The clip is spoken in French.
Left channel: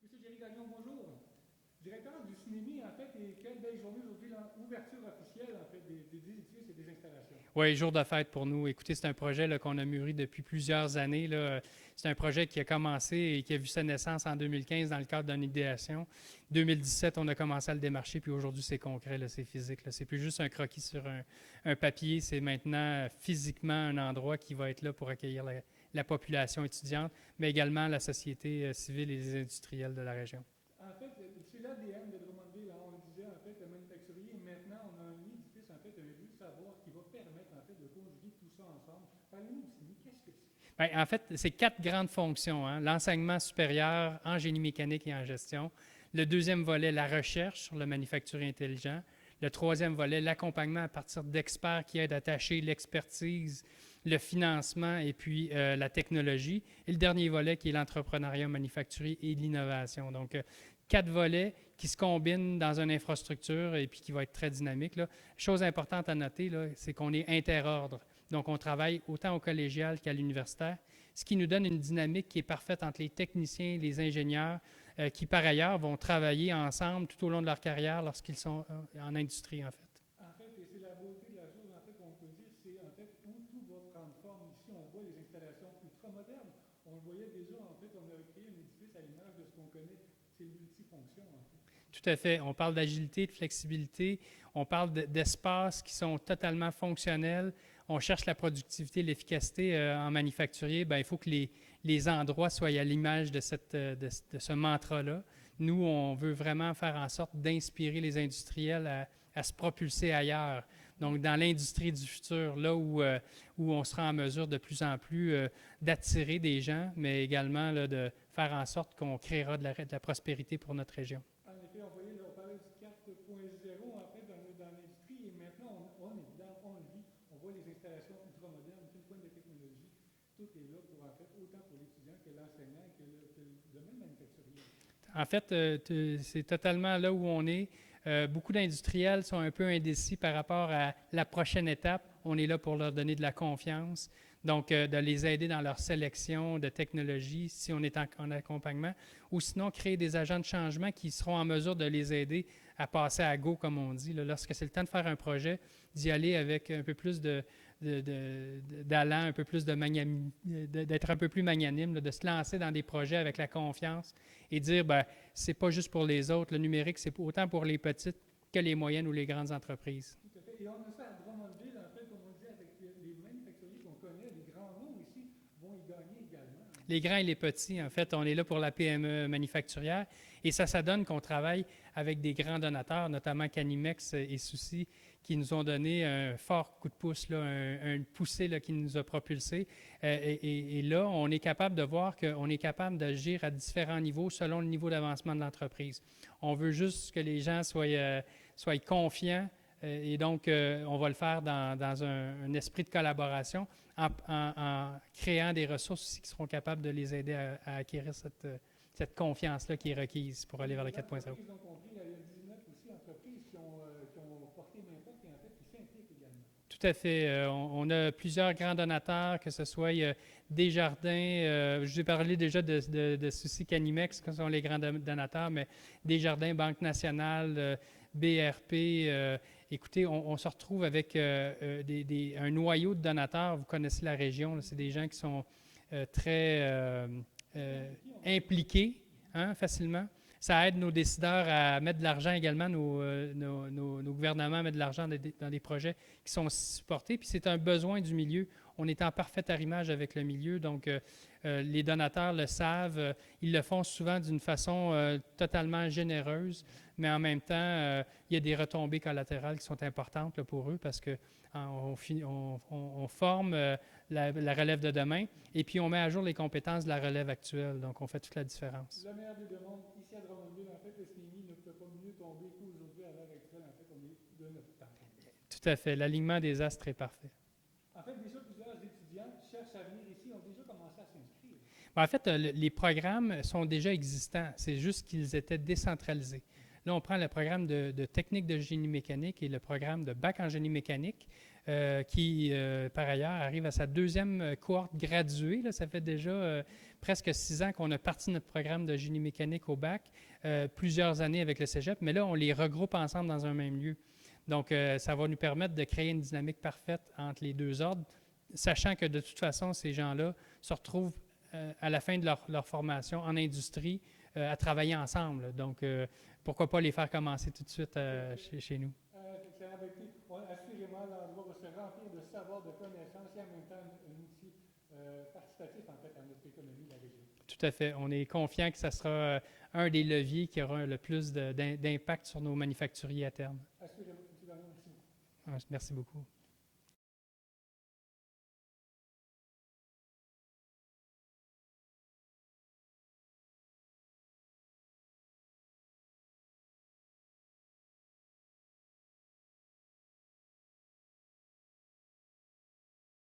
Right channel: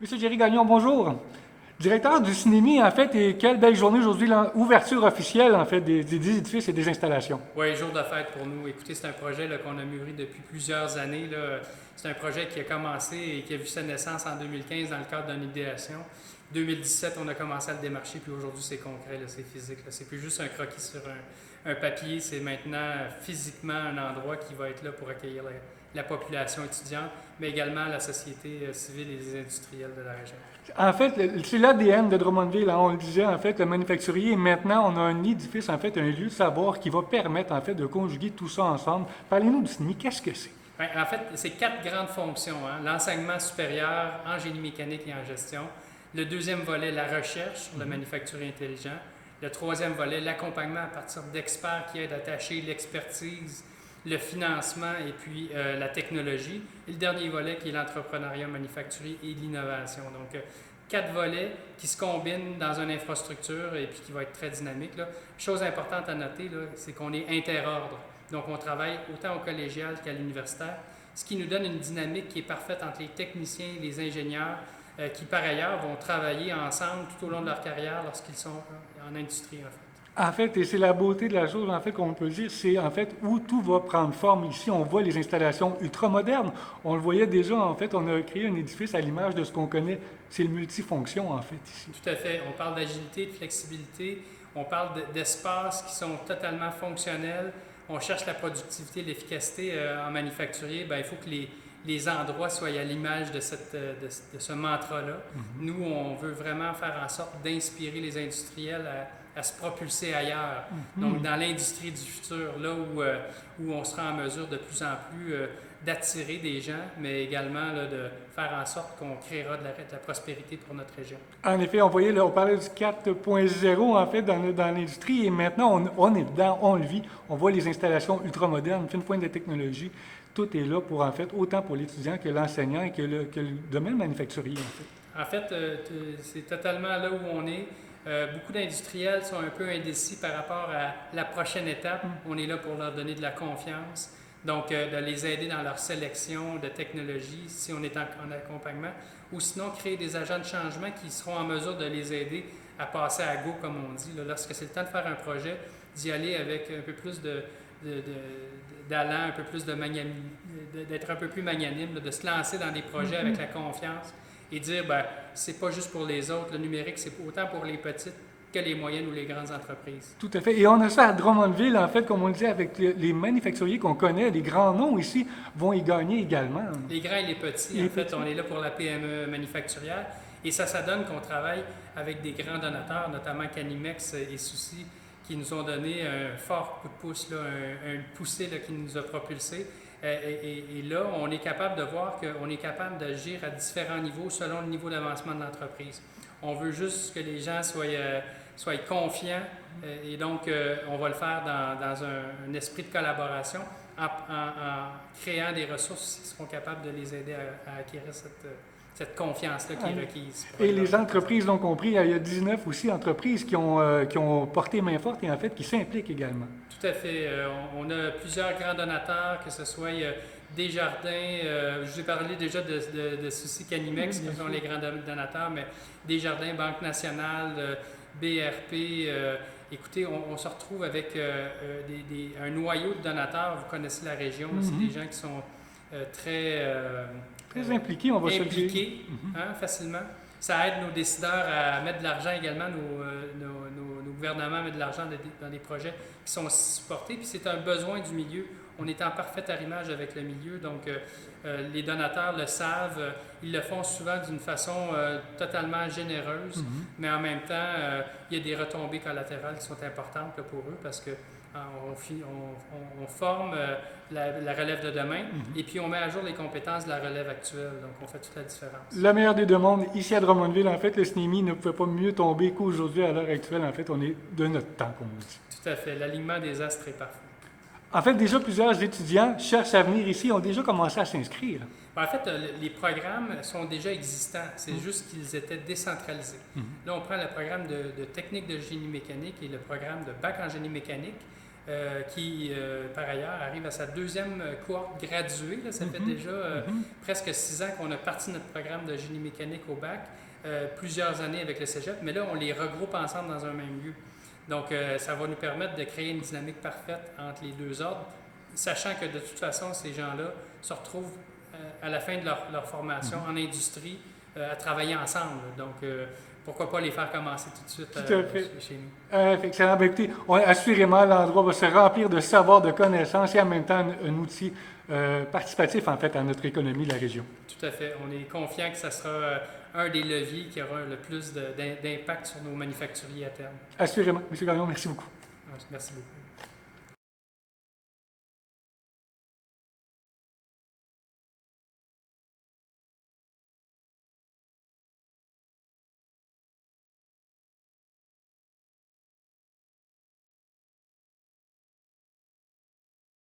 Monsieur Jerry Gagnon, bonjour. Directeur du Cinémi, en fait, et quelle belle journée aujourd'hui, l'ouverture officielle, en fait, des édifices et des installations. Oui, jour de fête pour nous. Écoutez, c'est un projet là, qu'on a mûri depuis plusieurs années. Là. C'est un projet qui a commencé et qui a vu sa naissance en 2015 dans le cadre d'une idéation. 2017, on a commencé à le démarcher, puis aujourd'hui, c'est concret, là, c'est physique. Là. C'est plus juste un croquis sur un papier, c'est maintenant physiquement un endroit qui va être là pour accueillir la population étudiante, mais également la société civile et les industriels de la région. En fait, c'est l'ADN de Drummondville, hein. On le disait, en fait, le manufacturier. Et maintenant, on a un édifice, en fait, un lieu de savoir qui va permettre, en fait, de conjuguer tout ça ensemble. Parlez-nous du Cinémi, qu'est-ce que c'est? Ben, en fait, c'est quatre grandes fonctions. Hein. L'enseignement supérieur en génie mécanique et en gestion. Le deuxième volet, la recherche sur le manufacturier intelligent. Le troisième volet, l'accompagnement à partir d'experts qui aident à attacher l'expertise, le financement et puis la technologie. Et le dernier volet qui est l'entrepreneuriat manufacturier et l'innovation. Donc, quatre volets qui se combinent dans une infrastructure et puis qui va être très dynamique. Là. Chose importante à noter, là, c'est qu'on est interordre. Donc, on travaille autant au collégial qu'à l'universitaire, ce qui nous donne une dynamique qui est parfaite entre les techniciens et les ingénieurs qui, par ailleurs, vont travailler ensemble tout au long de leur carrière lorsqu'ils sont en industrie, en fait. En fait, et c'est la beauté de la chose, en fait, qu'on peut dire, c'est en fait où tout va prendre forme. Ici, on voit les installations ultramodernes. On le voyait déjà, en fait, on a créé un édifice à l'image de ce qu'on connaît. C'est le multifonction, en fait, ici. Tout à fait. On parle d'agilité, de flexibilité. On parle d'espaces qui sont totalement fonctionnels. On cherche la productivité, l'efficacité en manufacturier. Bien, il faut que les endroits soient à l'image de ce mantra-là. Nous, on veut vraiment faire en sorte d'inspirer les industriels à se propulser ailleurs. Donc, dans l'industrie du futur, là où on sera en mesure de plus en plus d'attirer des gens, mais également là, de faire en sorte qu'on créera de la prospérité pour notre région. En effet, on voyait, là, on parlait du 4.0 en fait dans l'industrie et maintenant on est dedans, on le vit, on voit les installations ultramodernes, fine pointe de technologie, tout est là pour en fait autant pour l'étudiant que l'enseignant et que le domaine manufacturier en fait. En fait, c'est totalement là où on est. Beaucoup d'industriels sont un peu indécis par rapport à la prochaine étape. On est là pour leur donner de la confiance, donc de les aider dans leur sélection de technologies si on est en accompagnement, ou sinon créer des agents de changement qui seront en mesure de les aider à passer à go, comme on dit. Là, lorsque c'est le temps de faire un projet, d'y aller avec un peu plus d'allant, un peu plus d'être un peu plus magnanime, de se lancer dans des projets avec la confiance et dire, ben, c'est pas juste pour les autres. Le numérique, c'est autant pour les petites que les moyennes ou les grandes entreprises. Tout à fait. Et on a ça à Drummondville, en fait, comme on le dit, avec les manufacturiers qu'on connaît, les grands noms ici vont y gagner également. Les grands et les petits, Les en fait, petits. on est là pour la PME manufacturière. Et ça donne qu'on travaille avec des grands donateurs, notamment Canimex et Souci, qui nous ont donné un fort coup de pouce, là, un poussé là, qui nous a propulsés. Et là, on est capable de voir qu'on est capable d'agir à différents niveaux selon le niveau d'avancement de l'entreprise. On veut juste que les gens soient confiants et donc on va le faire dans un esprit de collaboration en créant des ressources aussi qui seront capables de les aider à acquérir cette confiance-là qui est requise. Et les entreprises l'ont compris. Il y a 19 aussi entreprises qui ont porté main forte et en fait qui s'impliquent également. Tout à fait. On a plusieurs grands donateurs, que ce soit Desjardins, je vous ai parlé déjà de Souci Canimex, qui sont les grands donateurs, mais Desjardins, Banque nationale, BRP. Écoutez, on se retrouve avec un noyau de donateurs. Vous connaissez la région, c'est des gens qui sont très Très impliqués, on va se le dire. impliqués facilement. Ça aide nos décideurs à mettre de l'argent également, nos gouvernements à mettre de l'argent dans des projets qui sont supportés. Puis c'est un besoin du milieu. On est en parfait arrimage avec le milieu, donc les donateurs le savent. Ils le font souvent d'une façon totalement généreuse, mais en même temps, il y a des retombées collatérales qui sont importantes là, pour eux parce que on forme la relève de demain et puis on met à jour les compétences de la relève actuelle. Donc, on fait toute la différence. La meilleure des deux mondes, ici à Drummondville, en fait, le SNEMI ne pouvait pas mieux tomber qu'aujourd'hui, à l'heure actuelle. En fait, on est de notre temps, comme on dit. Tout à fait. L'alignement des astres est parfait. En fait, déjà plusieurs étudiants cherchent à venir ici, ont déjà commencé à s'inscrire. En fait, les programmes sont déjà existants. C'est juste qu'ils étaient décentralisés. Là, on prend le programme de technique de génie mécanique et le programme de bac en génie mécanique. qui, par ailleurs, arrive à sa deuxième cohorte graduée. Là. Ça fait déjà presque 6 ans qu'on a parti notre programme de génie mécanique au bac, plusieurs années avec le cégep, mais là, on les regroupe ensemble dans un même lieu. Donc, ça va nous permettre de créer une dynamique parfaite entre les deux ordres, sachant que de toute façon, ces gens-là se retrouvent à la fin de leur formation en industrie à travailler ensemble. Donc, pourquoi pas les faire commencer tout de suite chez nous? Excellent. Ben, écoutez, assurément, l'endroit va se remplir de savoir, de connaissances et en même temps un outil participatif, en fait, à notre économie de la région. Tout à fait. On est confiant que ça sera un des leviers qui aura le plus d'impact sur nos manufacturiers à terme. Assurément. M. Gagnon, merci beaucoup. Merci beaucoup.